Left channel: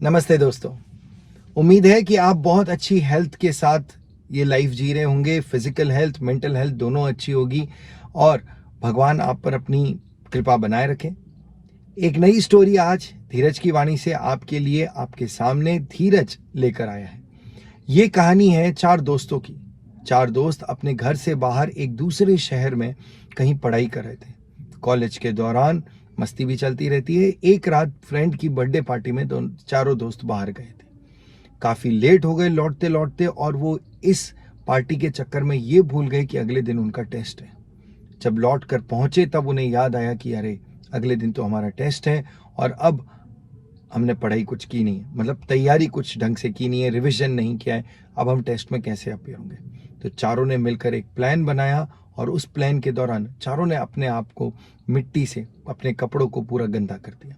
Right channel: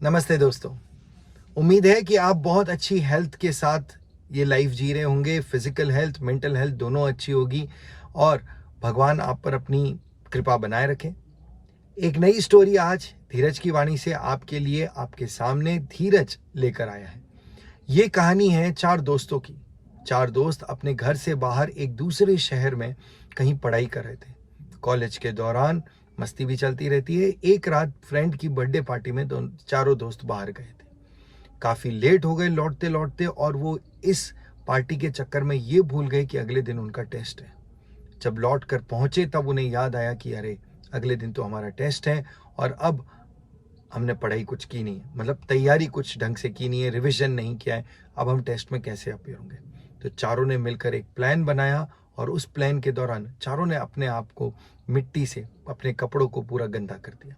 नमस्ते दोस्तों। उम्मीद है कि आप बहुत अच्छी हेल्थ के साथ ये लाइफ जी रहे होंगे। फिजिकल हेल्थ, मेंटल हेल्थ दोनों अच्छी होगी और भगवान आप पर अपनी कृपा बनाए रखें। एक नई स्टोरी आज धीरज की वाणी से आपके लिए आपके सामने धीरज लेकर आया है। ये कहानी है चार दोस्तों की। चार दोस्त अपने घर से बाहर एक दूसरे शहर में कहीं पढ़ाई कर रहे थे। कॉलेज के दौरान मस्ती भी चलती रहती है। एक रात फ्रेंड की बर्थडे पार्टी में चारों दोस्त बाहर गए थे। काफी लेट हो गए लौटते लौटते और वो इस पार्टी के चक्कर में ये भूल गए कि अगले दिन उनका टेस्ट है। जब लौट कर पहुंचे तब उन्हें याद आया कि अरे, अगले दिन तो हमारा टेस्ट है और अब हमने पढ़ाई कुछ की नहीं, मतलब तैयारी कुछ ढंग से की नहीं है, रिवीजन नहीं किया है। अब हम टेस्ट में कैसे अपीयर होंगे? तो चारों ने मिलकर एक प्लान बनाया और उस प्लान के दौरान चारों ने अपने आप को मिट्टी से अपने कपड़ों को पूरा गंदा कर दिया।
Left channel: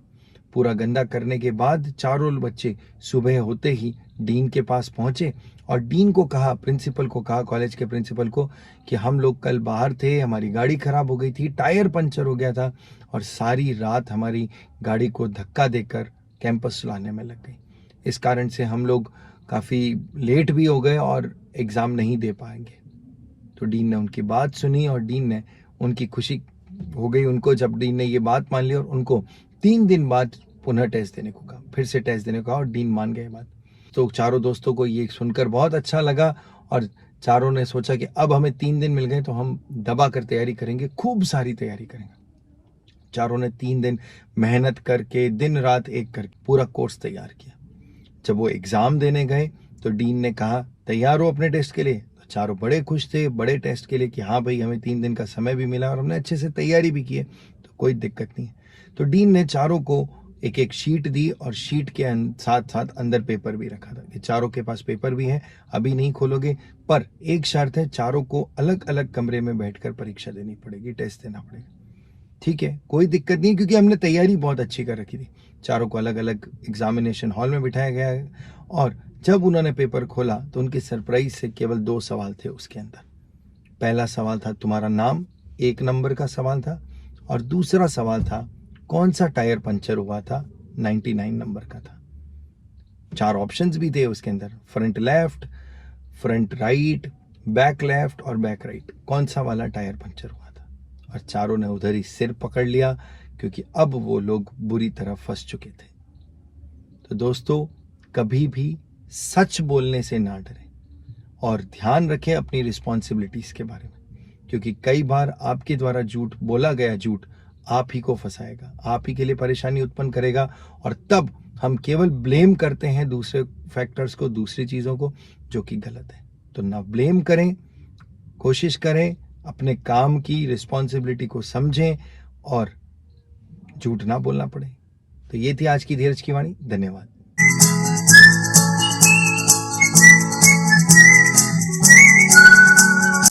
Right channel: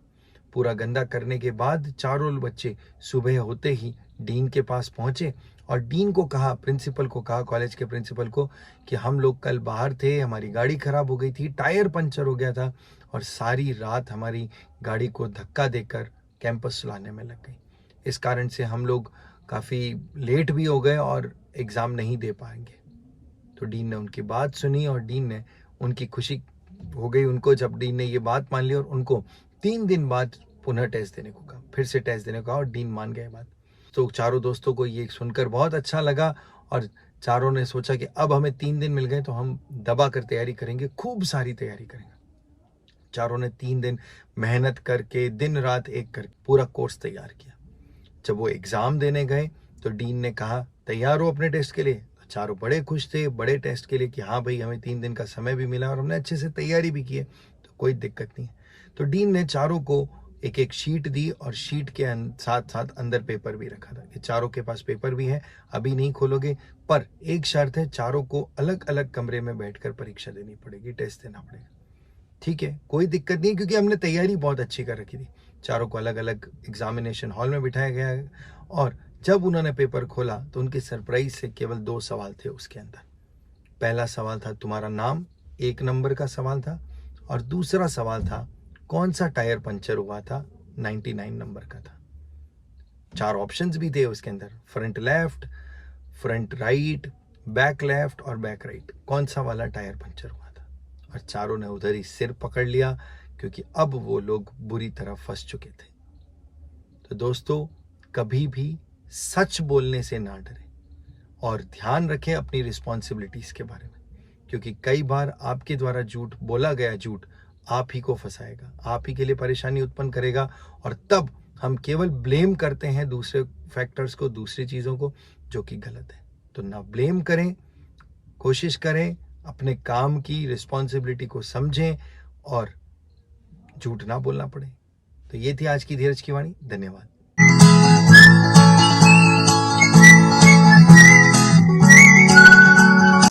पूरा गंदा करने के बाद चारों बच्चे सुबह होते ही डीन के पास पहुंचे और डीन को कहा, प्रिंसिपल को कहा, कॉलेज के प्रिंसिपल को, कि हम लोग कल बाहर थे, हमारी गाड़ी खराब हो गई थी, टायर पंचर हो गया था और सारी रात हमारी गाड़ी को धक्का देकर कैंपस लाने में लग गई। इस कारण से हम लोग काफ़ी लेट भी हो गए और एग्ज़ाम नहीं दे पाएंगे। तो डीन ने उनकी बात सुनी और डीन ने, उनकी खुशी हो गई उनको जब डीन ने ये बात मान ली और उनको 3 दिन बाद पुनः टेस्ट देने को कहा, फिर से टेस्ट देने को कहा और डीन मान गए बात। तो चारों दोस्तों को ये सुनकर बहुत अच्छा लगा और चारों ने सोचा कि अब हमें 3 दिन मिल गए तो हम दबा कर तैयारी करेंगे, खूब सारी तैयारी करेंगे। चारों ने 3 दिन मेहनत करके दिन रात एक करके पूरा कोर्स तैयार किया। जब वो एग्जाम देने गए तो डीन ने कहा, तैयार हो अपने टेस्ट के लिए? तो चारों बड़े खुश थे बड़े टेस्ट के लिए कि हाँ भाई, हमें 3 दिन का समय भी मिला और हमने अच्छे से तैयारी भी की है, तो कोई दिक्कत नहीं है। तो डीन ने चारों को एक एक शीट दी और शीट के साथ साथ अंदर पेपर भी रखा था कि चारों के पास पेपर भी है, अभी नहीं खोलोगे, पर एक शर्त है, चारों को अलग अलग कमरे में बैठकर परीक्षा देनी पड़ेगी, टेस्ट देना पड़ेगा। ठीक है, कोई दिक्कत नहीं, क्योंकि हमने तैयारी बहुत अच्छी कर रखी थी। चारों को अलग अलग एग्जामिनेशन हॉल में बिठाया गया है और जब उन्होंने पेपर खोला तो उनके सरप्राइज से केवल 2 सवाल थे उसके अंदर। पहला सवाल था तुम्हारा नाम, 1 नंबर का सवाल था, और दूसरा सवाल था कौन सा टायर पंचर हुआ था, 99 नंबर का था। 4 ऑप्शंस भी थे उसके अंदर, front left, front right, back left और बैक राइट, कौन सा वाला टायर पंचर हुआ था। और चारों ने उधर ही सिर पकड़ लिया, क्योंकि अब वो लोग बुरी तरह फंस चुके थे। तो दोस्तों, कभी भी सच बोलने से ना डरें और ध्यान रखें अपनी रिस्पॉन्सिबिलिटीज के बारे में, क्योंकि कई बार आपके द्वारा झूठ बोला गया झूठ आप ही को फंसाएगा, आप ही के लिए परेशानी उत्पन्न करेगा और तब हम केवल ब्लेम करते हैं दूसरे फैक्टर्स को, दूसरी चीज़ों को, जो कि गलत है। तो ना ब्लेम करें, कोशिश करें अपने काम की रिस्पॉन्सिबिलिटी को समझें और झूठ ना बोलना पड़े। तो ये थी आज की धीरज की वाणी। धन्यवाद।